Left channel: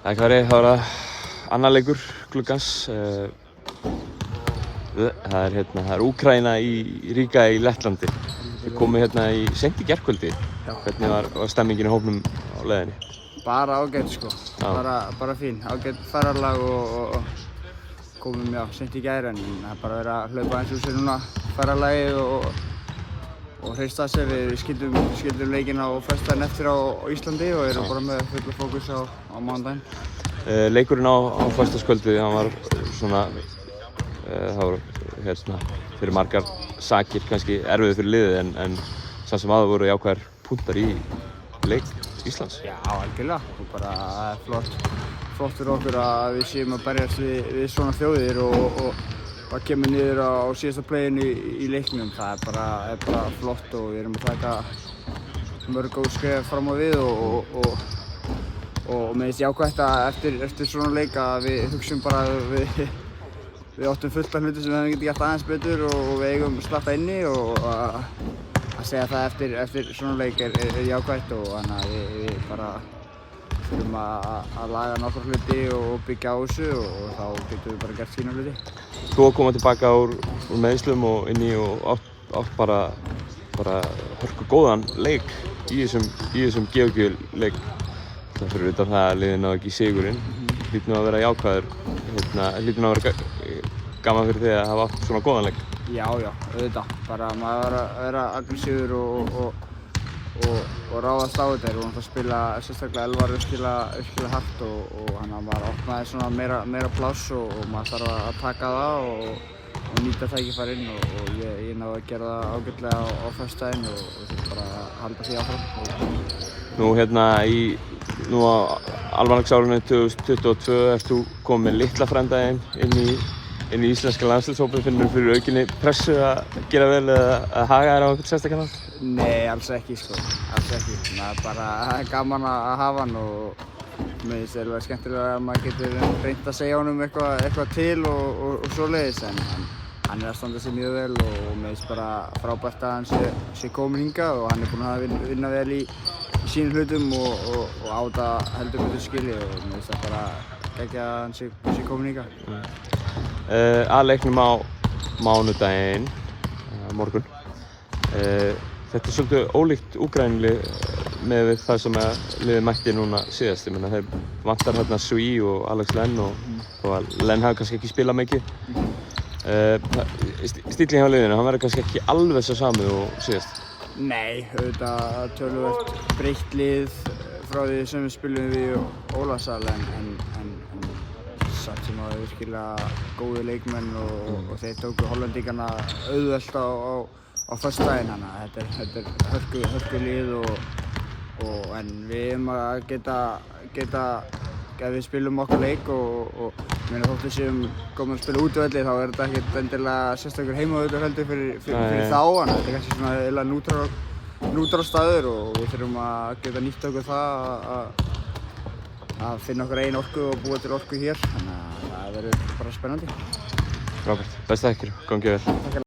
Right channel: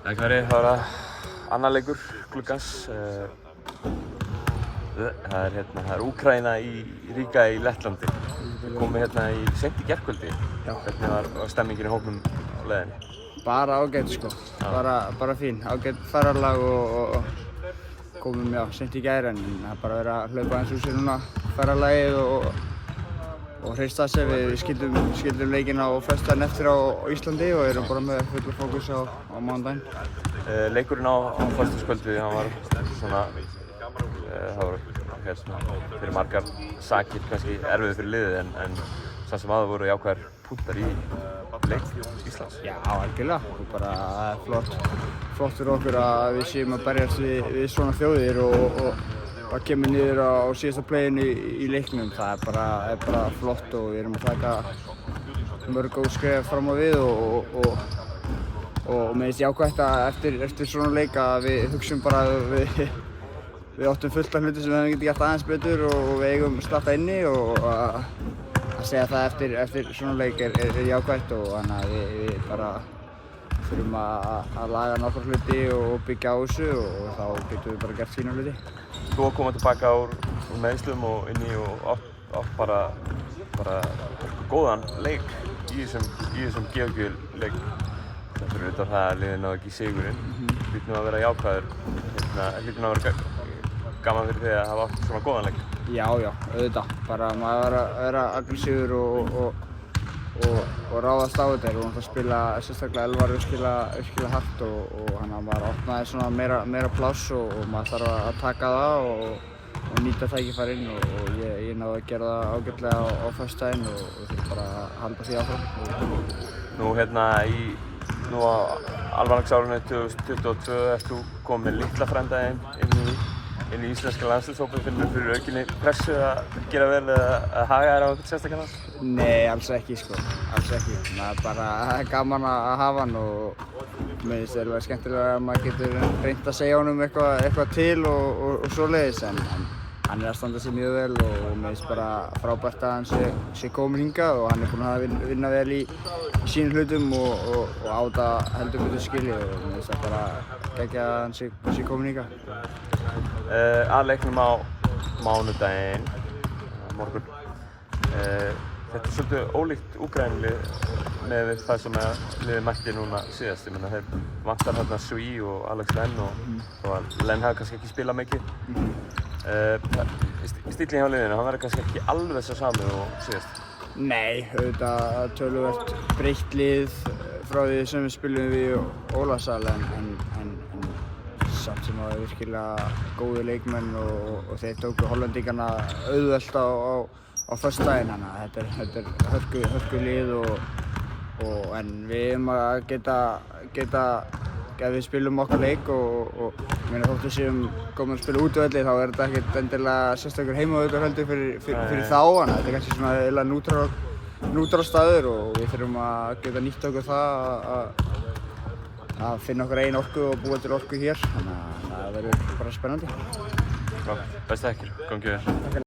Það var annar leikur gluggans. Það er Úkraína í Riga í Lettlandi. Við komum seint í gærkvöldi. Hvernig var stemmingin í hópnum á leiðinni? Bara ágætt sko. Bara fín. Ágætt ferðalag og komum seint í gær en það er bara verið að hlaupa aðeins úr sér núna ferðalagið og hrista sig. Við skildum leikinn á föstudaginn eftir á Íslandi og erum bara með fulla fókus á mánudaginn. Leikurinn á föstudagskvöldi, hann var svona fyrir margar sakir kannski erfiður fyrir liðið en samt sem áður voru jákvæðir punktar í leik Íslands. Já, algjörlega og bara það flott fyrir okkur að við séum að berjast við svona þjóðir og það kemur niður á síðasta playinu í leiknum. Það er bara flott og við erum að taka mörg góð skref fram á við og mér finnst jákvætt að eftir svona leik að við hugsum bara að við áttum fullt af hluti sem við hefum getið gert aðeins betur og við eigum slatta inni og að segja það eftir svona leik er jákvætt og þannig að við bara þurfum að laga nokkra hluti og byggja á þessu og þá getum við bara gert fína hluti. Þú að koma tilbaka úr meiðslum og inn í og átt bara hörku góðan leik í þessum Georgíu-leik. Fyrir utan það að liðið náði ekki sigurinn. Hlýtur að vera jákvæður. Hlýtur að vera gaman fyrir því að hafa átt svona góðan leik. Já, auðvitað. Bara maður að vera aggressífur og ráðast á þetta. Við vorum að spila sérstaklega Elvar virkilega hart og hann að maður opnaði svona meira pláss og maður þarf að taka það og nýta tækifærin og ég náði að gera það ágætlega á föstudaginn og þurfum bara að halda því áfram. Nú á almanaksárinu 2022 ert þú komið með litla frænda inn í íslenska landsliðshópinn. Finnur þú fyrir aukinni pressu að gera vel eða að haga þér á einhvern sérstakann hátt? Nei, alls ekki sko. Alls ekki. Það er bara gaman að hafa hann og mér finnst það skemmtilega að maður getur reynt að segja honum eitthvað til og svoleiðis en hann er að standa sig mjög vel og mér finnst bara frábært að hann sé kominn hingað og hann er búinn að vinna vel í sínum hlutum og á það heldur betur skilið og mér finnst það bara geggjað að hann sé kominn hingað. Að leiknum á mánudaginn, morgun. Þetta er svolítið ólíkt Úkraínulið með það sem liðið mætti núna síðast. Þeir vantar Sui og Alex Len og Len hafi kannski ekki spilað mikið. Stíllinn hjá liðinu, hann verður kannski ekki alveg svo sami og síðast. Nei, auðvitað töluvert breytt lið frá því sem við spilum við í Ólafsal en samt sem það er virkilega góði leikmenn og þeir tóku Hollendingarna auðvelt á föstudaginn þannig að þetta er hörku lið en við erum að geta ef við spilum okkar leik og þótt við séum komin að spila útivelli þá er þetta ekkert endilega sérstakur heimavöllur heldur fyrir þá þannig að þetta er kannski svona eiginlega nútral staður og við þurfum að geta nýtt okkur það að finna okkar eigin orku og búa til orku hér þannig að það verður bara spennandi. Frábært. Besta ykkur. Gangi vel.